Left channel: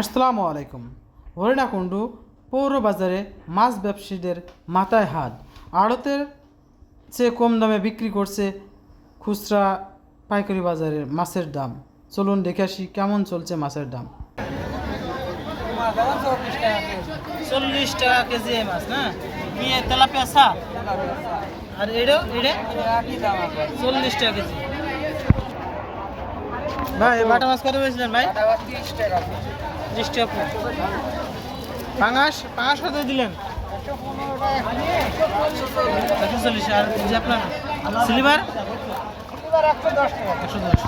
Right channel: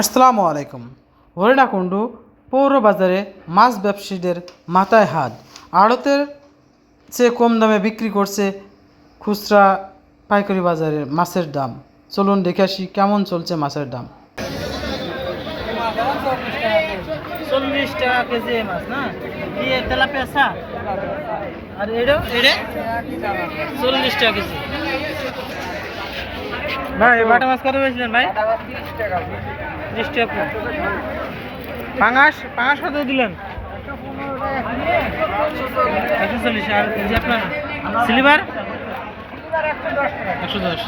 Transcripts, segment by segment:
আসসালামু আলাইকুম। হরিণাকুণ্ডু পৌর বাজারে মাছ ব্যবসায়ীদের মাথায় হাত। আড়তের চেয়ে কম দামে বিক্রি করছে খুচরা পাইকারি বাজারে মাছের দাম। চলুন দেখে আসি কেমন চলছে মাছের দাম। চল্লিশ টাকা কেজি মাছ না? কি তেলাপিয়া সা আর এটা এটা? চল্লিশ টাকা কেজি। ভাই বাটা মাছ কত পেয়েছিলেন ভাই? ত্রিশ টাকা আপনার পাঙাশ পাঙাশ কত দিলেন? একশো চল্লিশ আর যে আপনার? সিলিভার? একশো দশ।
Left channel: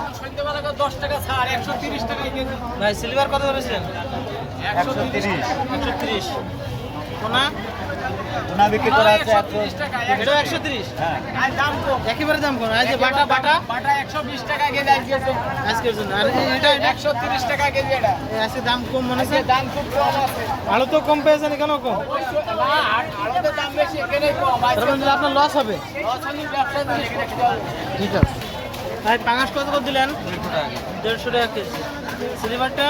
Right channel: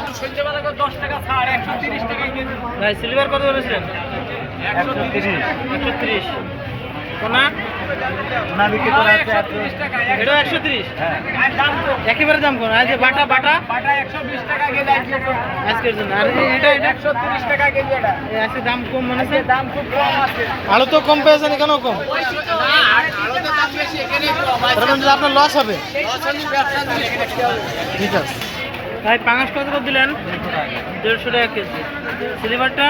ভাই সিলিভার কত ধরেছিলেন? একশো তিরিশ। একশো তিরিশ। কোনা? না বিক্রি করা আছে একশো তিরিশ হ্যাঁ। একেবারে দাম কোন আজ বাটা বাটা? বাটা একশো বিশ টাকা কেজি আজকে আজকের জন্য। আর এটা একশো তিরিশ টাকা কেজি এটা। আজকে দাম কম মনে হচ্ছে দাম খুব কম আছে। আলু তো কম পেয়েছেন কেন কম? না আরও তো দাম বেশি এখানে কম। আপনার লস হবে। ঠিক আছে। ভাই পাঙাশ কত করে দিলেন? দেড়শো টাকা কেজি। সিলিভারটা?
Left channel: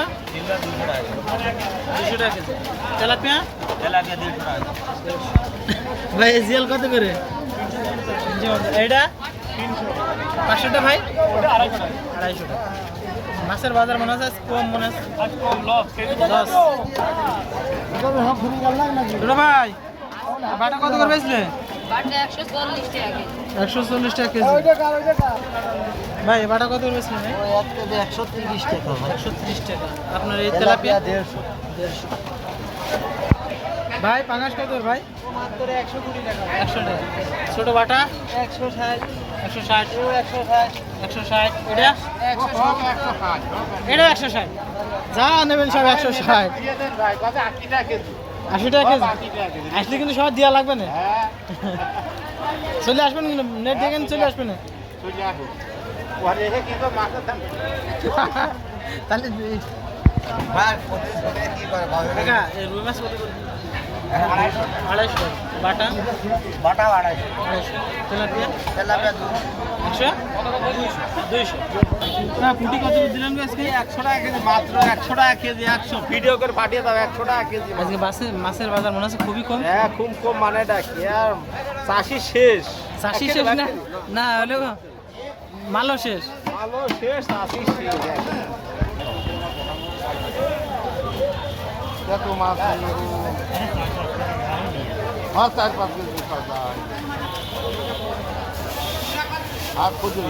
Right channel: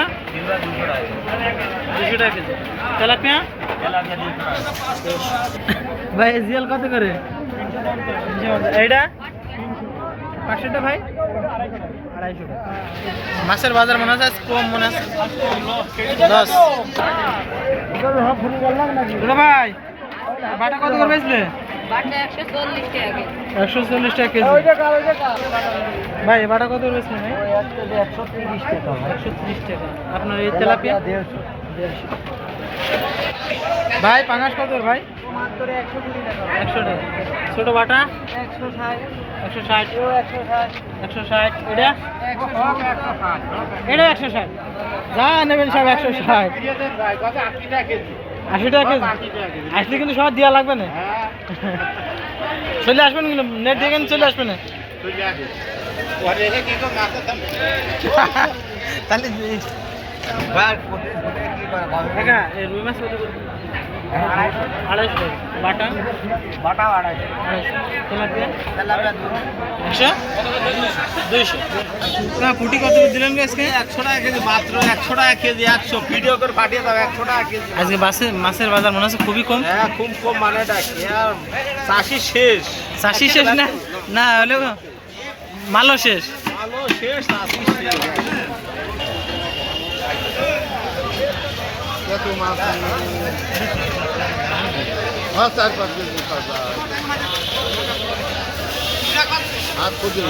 দুশো টাকা কেজি। তেলাপিয়া? ভাই জিয়াল কত করে? এইটা? পাঁচশোটা ভাই? আড়াইশো টাকা মাছের বাজার মনে আজ কম মনে হচ্ছে দশ। ভাই বাটা কত করে বেচলে? একশো চল্লিশ টাকা কেজি। কেজি। ভাই বাটা কত ভাই? একশো তিরিশ টাকা ভাই। একশো ত্রিশ টাকা। আপনার এই তেলাপিয়া দেড়শো। দেড়শো। ভাই পাঙাশ কত ভাই? একশো কুড়ি টাকা। একশো টাকা। ছোটো বাটা? একশো ষাট। একশো ষাট। একশো ষাট। একশো ষাট। এটা একশো ষাট। যা নেবেন সব একশো ষাট। আশি টাকা কেজি। আশি কিন্তু সব দেওয়া লাগবে না? হ্যাঁ। চলে আসবেন কিন্তু নেট দেখেন চলে আসবেন। তাহলে আড়াইশো আড়াইশো বাটা আড়াইশো আড়াইশো তেলাপিয়া তেলাপিয়া একশো দুইশো না পুটি কত করে দিলেন আজকে একশো টাকা কেজি মাত্র একশো টাকা কেজি একশো ভিডিও করে পাঠিয়ে দাও একশো টাকা কেজি আজকে বাসে মাছের বাজার মনে হচ্ছে খুবই কম হ্যাঁ খুব কম মানে চাষি শেষ চাষি শেষ না না হলে মালও শেষ ভালো শেষ চাষি শেষ কত মাছ হ্যাঁ চার পাঁচ কেজি হাত খুঁজে